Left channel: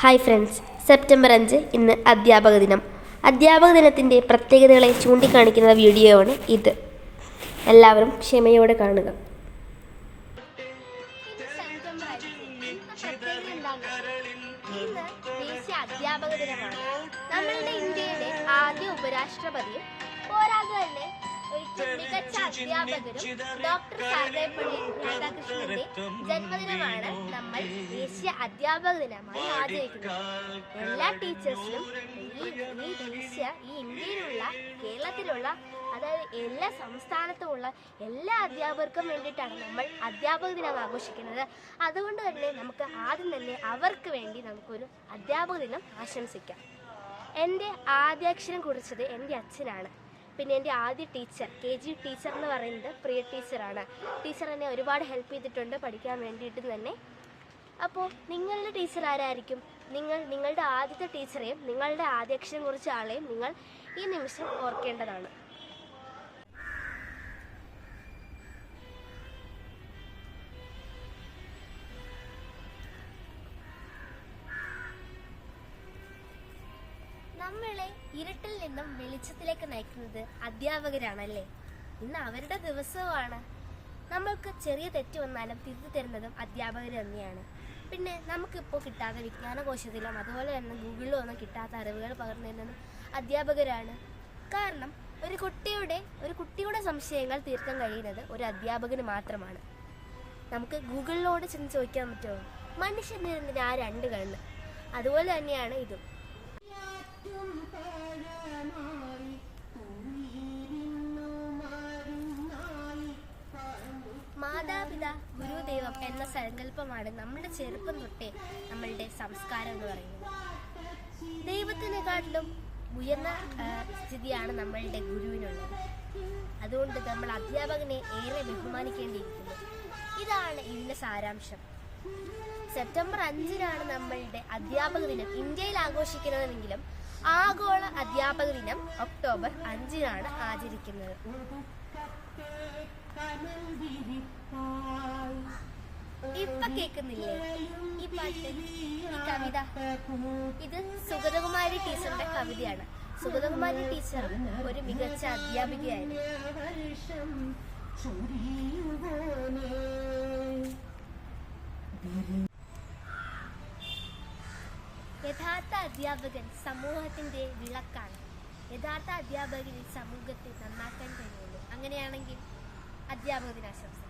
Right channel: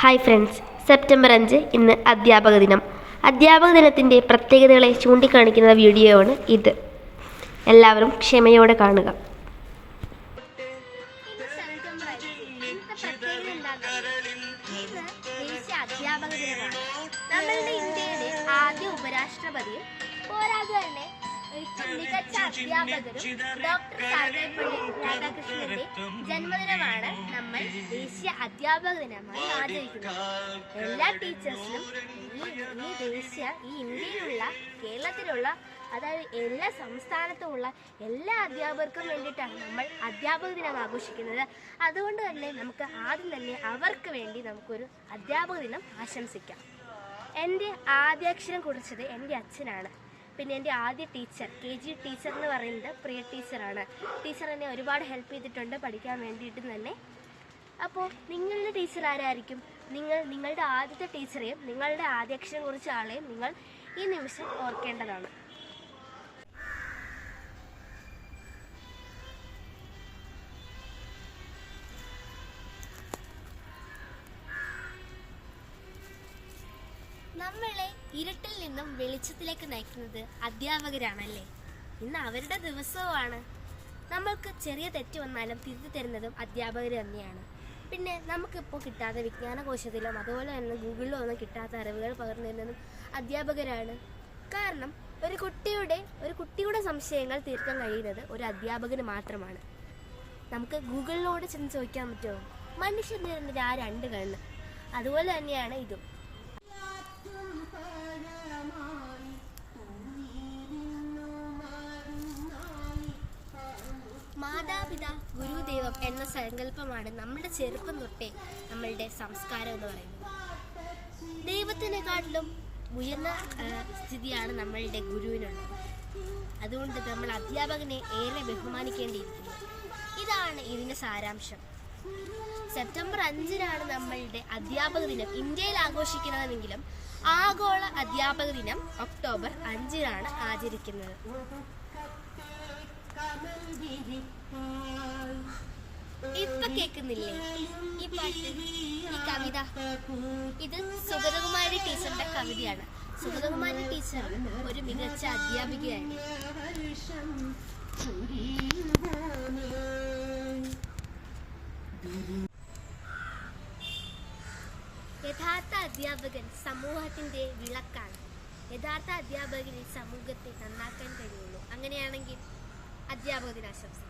Hi friends, September 5 ഇന്ന് അധ്യാപക ദിനം. അധ്യാപക ദിനത്തിൻ്റെ പ്രത്യേകതകളെ ചൂണ്ടിക്കാണിക്കുന്ന വീഡിയോ ആണ് ഇത്. എല്ലാവരും ക്ഷമയോടെ കാണുക. അധ്യാപക ദിനമാണ്. നമ്മളുടെ ഇന്ത്യയിലെ ആദ്യ ഉപരാഷ്ട്രപതി പോരാതെ തന്നെ മികച്ച അധ്യാപകരും ഡോക്ടർ സർവേപ്പള്ളി രാധാകൃഷ്ണന്റെ ജന്മദിനമാണ് നമ്മൾ ദേശീയ അധ്യാപക ദിനമായി ആചരിക്കുന്നത്. എല്ലാ ടീച്ചേഴ്സിനും ഈ ഇന്ത്യയിലുള്ള കേരളത്തിലുള്ള അതായത് എല്ലാ സംസ്ഥാനത്തുമുള്ള എല്ലാ അധ്യാപകർക്കും വേണ്ടിയിട്ടാണ് നമ്മൾ അധ്യാപക ദിനം ആഘോഷിക്കുന്നത്. അതുകൊണ്ട് തന്നെ നമുക്ക് ആദ്യം തന്നെ അവർക്ക് വേണ്ടി നമുക്കൊരു അധ്യാപക ദിനം ആശംസിക്കാം. എൻ്റെ ആദ്യാക്ഷരം കുറിച്ചത് എൻ്റെ അച്ഛനാണ്. പിന്നെ എൻ്റെ ആദ്യ ടീച്ചർ KG ടീച്ചർ എന്ന് പറയുന്നത് പ്രിയ ടീച്ചറാണ്. ടീച്ചർ എന്നെ ഒരുപാട് ഹെൽപ്പ് ചെയ്തിട്ടുണ്ട് പഠിക്കാൻ വേണ്ടിയിട്ട് തന്നെ. അപ്പോൾ നിങ്ങളുടെ ടീച്ചർ ആരായിരിക്കും? നിങ്ങളുടെ ആദ്യത്തെ ടീച്ചറെയും നിങ്ങളുടെ ആദ്യാക്ഷരം കുറിച്ച ആളെയും നിങ്ങൾ ഈ നിമിഷം ഓർക്കേണ്ടതാണ്. നമ്മളെ ഇരുട്ടിൽ നിന്നും വെളിച്ചത്തിലേക്ക് നയിക്കുന്നത് അധ്യാപകരാണല്ലേ. ഇന്ന് അവരുടെ ദിവസവുമാണ്. നമ്മൾക്ക് ചെറിയ തെറ്റ് വന്നാലും തിരുത്തി തരുന്നതും അധ്യാപകർ തന്നെയാണ്. പിന്നെ നമുക്കിപ്പോൾ കിട്ടാത്ത വിജ്ഞാനകോശത്തിലും അതുപോലെ തന്നെ ഗൂഗിളിലും ഒന്നും കിട്ടാത്ത അറിവുകൾ പകർന്നു തരുന്നതും അധ്യാപകരാണ്. കാരണം ഒരു കുട്ടിയുടെ സംശയങ്ങൾ തീർക്കാൻ കഴിയുന്നത് ഒരു അധ്യാപകന് മാത്രമാണ്. നമുക്ക് ഗൂഗിളിനോട് ചെന്ന് ചോദിക്കാൻ പറ്റുമോ മനുഷ്യന് ആ രണ്ട് കണ്ണ്? അതുപോലെ തന്നെയാണ് ഇതും. മാതാപിതാ ഗുരുദൈവം എന്ന സങ്കല്പമാണ് നമ്മുടെ ചെറുപ്പം തൊട്ടേ നമ്മളുടെ സംസ്കാരം എന്ന് പറയുന്നത്. ദൈവത്തിനെക്കാട്ടിലും ഉയർന്ന സ്ഥിതിയാണ് നമ്മളുടെ ഗുരുവിനുള്ളത്. അതുകൊണ്ട് നമ്മൾ അധ്യാപകനെ ഏറെ ബഹുമാനിക്കേണ്ടിയിരിക്കുന്നു. ഇതാണ് ഇതിൻ്റെ സാരാംശം. സെപ്റ്റംബർ 5 നമ്മളുടെ അധ്യാപക ദിനം ഇന്ത്യയിൽ ആഘോഷിക്കുന്നതെങ്കിലും ആഗോള അധ്യാപക ദിനം ഒക്ടോബർ 5 ആചരിക്കുന്നത്. ഇപ്പൊ കേൾക്കുന്നില്ലേ ഈ പാട്ട്, ഈ കവിത? ഇത് സുഗതകുമാരി ടീച്ചറുടെ കവിതയാണ്. സുഗതകുമാരി ടീച്ചർ ഒരു മികച്ച അധ്യാപികയായിരുന്നു. യഥാർത്ഥ അധ്യാപകൻ സമൂഹത്തിന്റെ വിളക്കാണ്. യഥാർത്ഥ അധ്യാപകന് സമൂഹത്തെ നന്നാക്കാൻ കഴിയുള്ളൂ. അങ്ങനെയാണെങ്കിൽ അധ്യാപക ദിനാശംസ.